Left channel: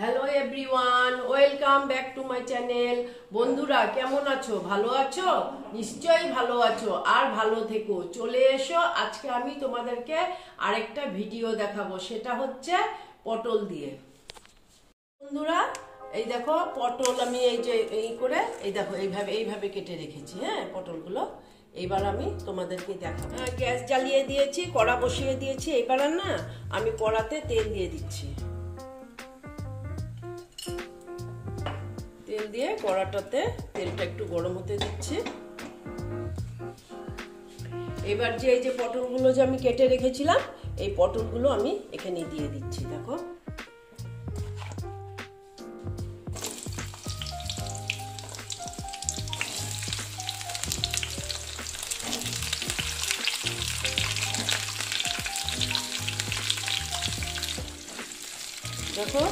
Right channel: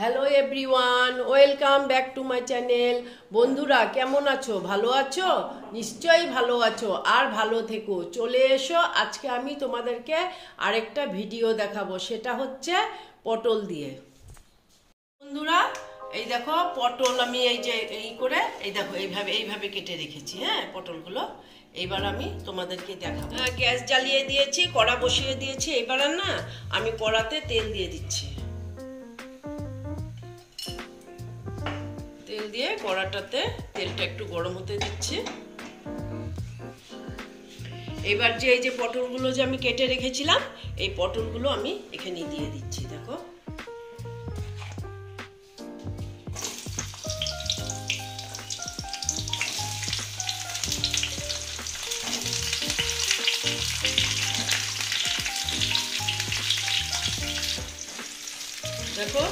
Hello everyone, welcome back to my channel. বন্ধুরা কেমন আছো? ভালো আছো? নিশ্চয়ই ভালো আছো, আর ভালো থেকো। চলে এসো, আজকে আমি তোমাদেরকে আরেকটা ভিডিও দেখাবো, সেটা হচ্ছে পটল দিয়ে। বন্ধুরা এই দেখো পটল আমি এই যে এই করে এই দেখো এইভাবে কেটে রেখেছি। হ্যাঁ, পটলগুলো এইবার আমি তোমাদেরকে দেখাবো। গ্যাস জ্বালিয়ে দিয়েছি, কড়া বসিয়ে দিয়েছি। এইবার না আমি কড়াতে তেল দিয়ে দিচ্ছি। তেল দিয়ে কড়াটাতে তেলটা একটু গরম হতে দিচ্ছি। এবার যে এই যে পটলগুলো যে আমি কেটে রেখেছিলাম, এই পটলগুলো আমি এখানে দিয়ে দিচ্ছি। দেখো দেখো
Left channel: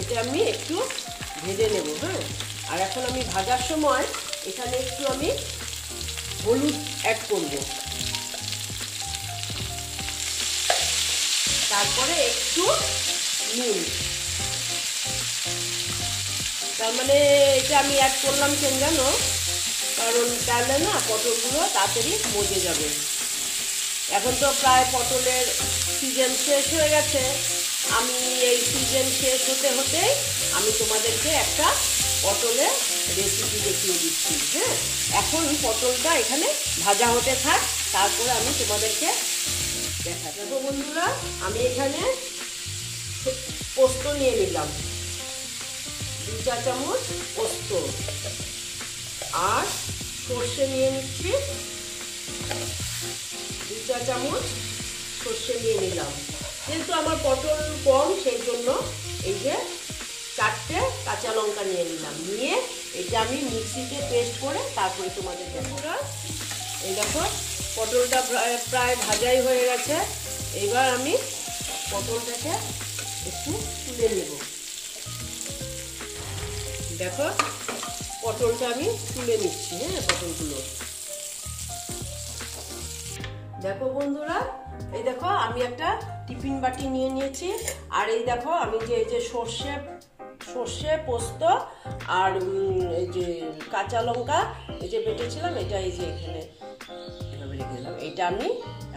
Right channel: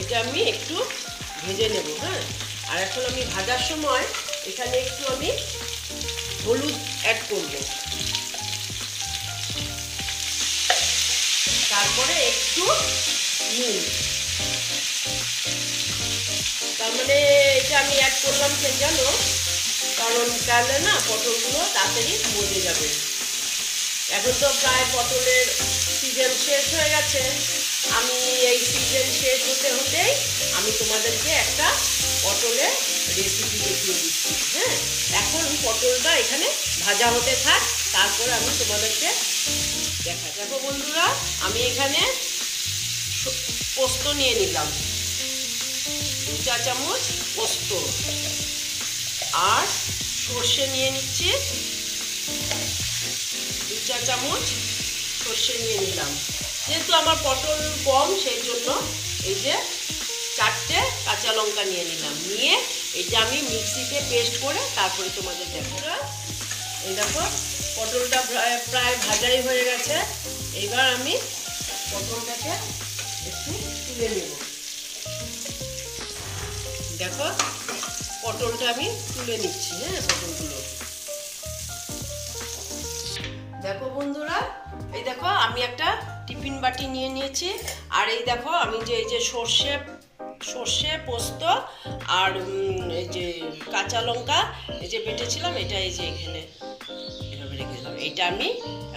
এটা আমি একটু ভেজে নেব। হ্যাঁ, আর এখন আমি ভাজার সময় এখানে একটু আমি হলুদ অ্যাড করব, তারপরে একটু নুন। তার মানে এটা আমি অ্যাড করলাম কেন জানো? কারণ তাহলে না পটলগুলো তাড়াতাড়ি মজে যাবে। এখন তো প্রায় পটলের সিজন শেষ হয়ে গেছে। আমি এই সিজন শেষ হতে হতেই আমি তোমাদেরকে একটা পটলের রেসিপি দেখিয়ে দিচ্ছি। হ্যাঁ, এখন পটলটা এখানে ভাজা হতে থাক, তারপরে আমি তোমাদেরকে দেখো বন্ধুরা, আমি এখানে পোস্ত নিয়ে নিলাম, 2 চা চামচ পোস্ত, আর সর্ষে নিয়ে নিচ্ছি 2 চা চামচ সর্ষে নিয়ে নিলাম। যেহেতু আমার পটল কম, সেই জন্য এই যে 4টে কাঁচা লঙ্কা নিয়ে নিলাম। নিয়ে এটা আমি মিক্সিতে পেস্ট করে তারপরে তোমাদের দেখো। এই দেখো পটলটা প্রায় ভাজাই হয়ে গেছে। এইবার আমি পটলটাকে একটু তুলে নেব। দেখো পটলটা আমি তুলে নিচ্ছি। হ্যাঁ, পটলগুলো দেখো বন্ধুরা, এই দেখো আমি একটা টিফিন বাটি নিয়ে নিয়েছি। আর এই দেখো আমি যে এই যে সর্ষে পোস্ত আর এই যে কাঁচা লঙ্কা এই যে বেটেছিলাম, এটা এই যে এখানে এভাবে রেখে দিলাম। এটা আমি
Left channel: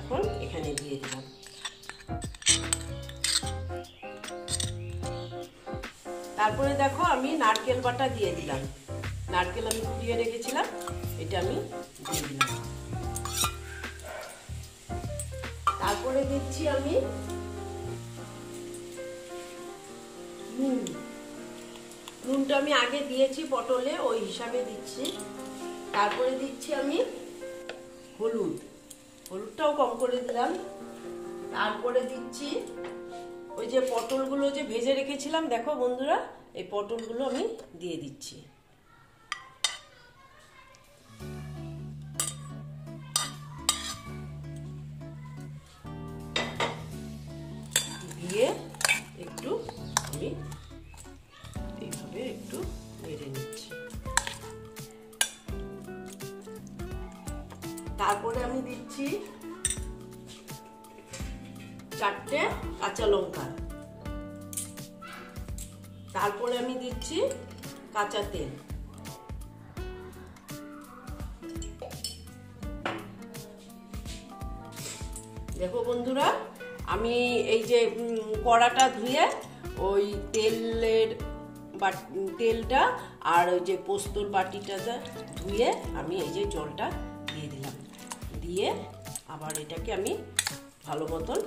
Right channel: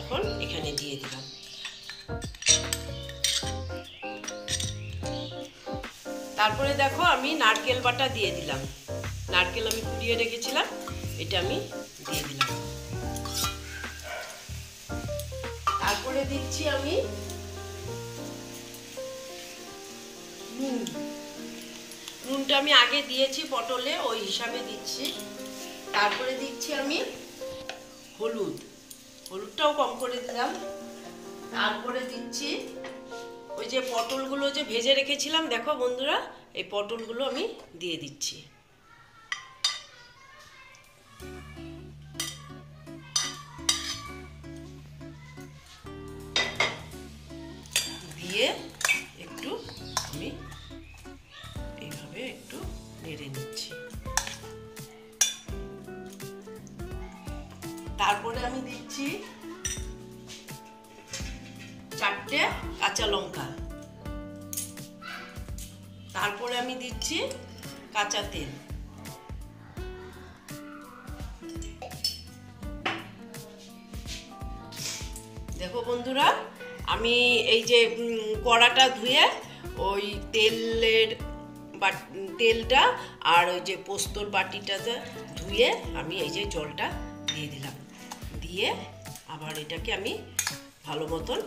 এখন এখানে দিয়ে দিলাম। তারপরে দেখো আমি নারকেল বাটা দিয়ে দিলাম। নারকেল আমি কুড়িয়ে রেখেছিলাম, এটা আমি দিয়ে দিলাম। তারপরে দিচ্ছি আমি নুন। নুনটা আমি আগে দিয়েছি পটলে, ওই হিসাবে দিচ্ছি। তারপরে দিচ্ছি আমি হলুদটাও কম করে দিলাম। তারপরে দিচ্ছি ওই যে পটলগুলো যে ভেজে রেখেছিলাম, দেখো বন্ধুরা এই পটলগুলো আমি দিয়ে দিচ্ছি। দিয়ে একটু আমি এইভাবে একটু নেড়ে নিচ্ছি। তারপরে আমি দিচ্ছি 4টে কাঁচা লঙ্কা। তারপরে আমি দিচ্ছি কাঁচা তেল। দেখো বন্ধুরা, আমি এই যে কড়াটা ধুয়ে ওই তেলটা আর ওই যে পোস্তর বাটিটাতে ধুয়ে আমি এই যে জলটা দিয়ে দিলাম। দিয়ে আবার এটাকে আমি ভালো মতন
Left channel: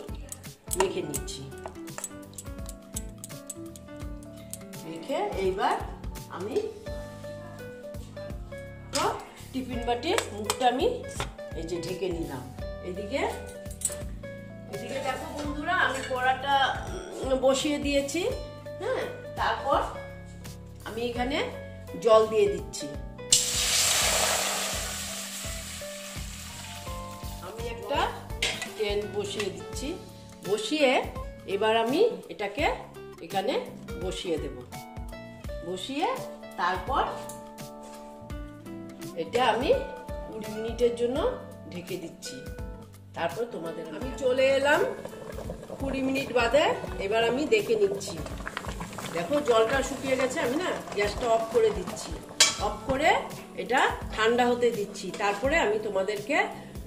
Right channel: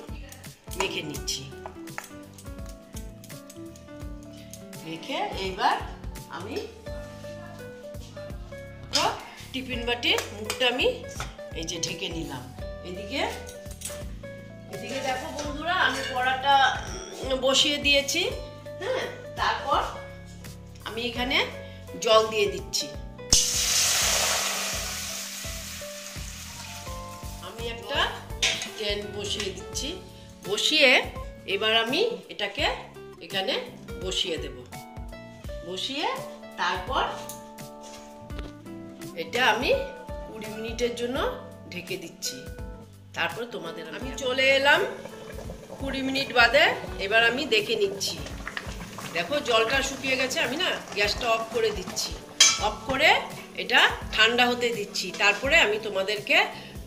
মেখে নিচ্ছি। মেখে এইবার আমি টিফিন বাটির মুখটা আমি এই যে ঢেকে নিলাম। এদিকে দেখো বন্ধুরা, আমি কড়াটা বসিয়ে দিয়েছি। হ্যাঁ, তারপর আমি এখানে জল দিয়ে দিচ্ছি। আমি একটা প্যান বসিয়ে দিচ্ছি। বসিয়ে এবার আমি এটাকে এখানে বসিয়ে দেব। বসিয়ে তারপর এটা আমি 20 মিনিটের জন্য ঢেকে দিচ্ছি। তারপর তোমাদের আমি চলে এলাম 20 মিনিট বাদে। এবার আমি দেখে নিচ্ছি। দেখো জলটা শুকিয়ে গেছে, আমি না গ্যাসটা অফ করে দিচ্ছি, অফ করে এটা ঠান্ডা হতে দিচ্ছি, তারপরে আমি তোমাদেরকে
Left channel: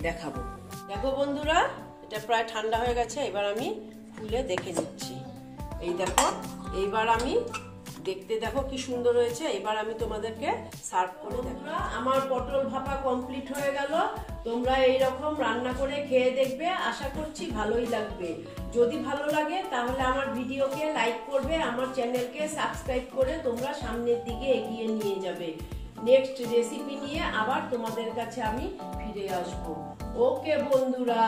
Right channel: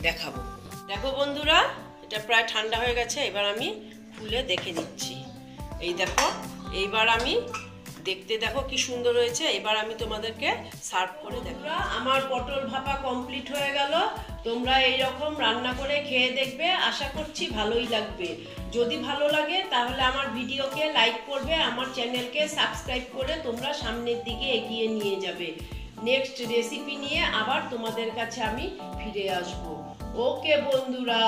দেখাবো। দেখো বন্ধুরা, এটা প্রায় ঠান্ডা হয়ে গেছে, এবার আমি খুলে দেখে নিচ্ছি। এই দেখো, এইবার আমি দেখতে দেখো কি সুন্দর হয়েছে। এবার আমি তোমাদেরকে সার্ভ করে দেখো। আমার পটল ভাপা কমপ্লিট হয়ে গেল। তোমরা এইরকম রান্না করে খেয়ে দেখবে, আশা করছি ভালোই লাগবে। যদি ভালো লাগে তাহলে আমার ভিডিওকে লাইক করবে, আমার চ্যানেলকে সাবস্ক্রাইব করে তোমরা সামনের দিকে এগিয়ে নিয়ে যাবে। নেক্সট রেসিপি নিয়ে আবার তোমাদের কাছে আমি ফিরে আসবো। ওকে বন্ধুরা।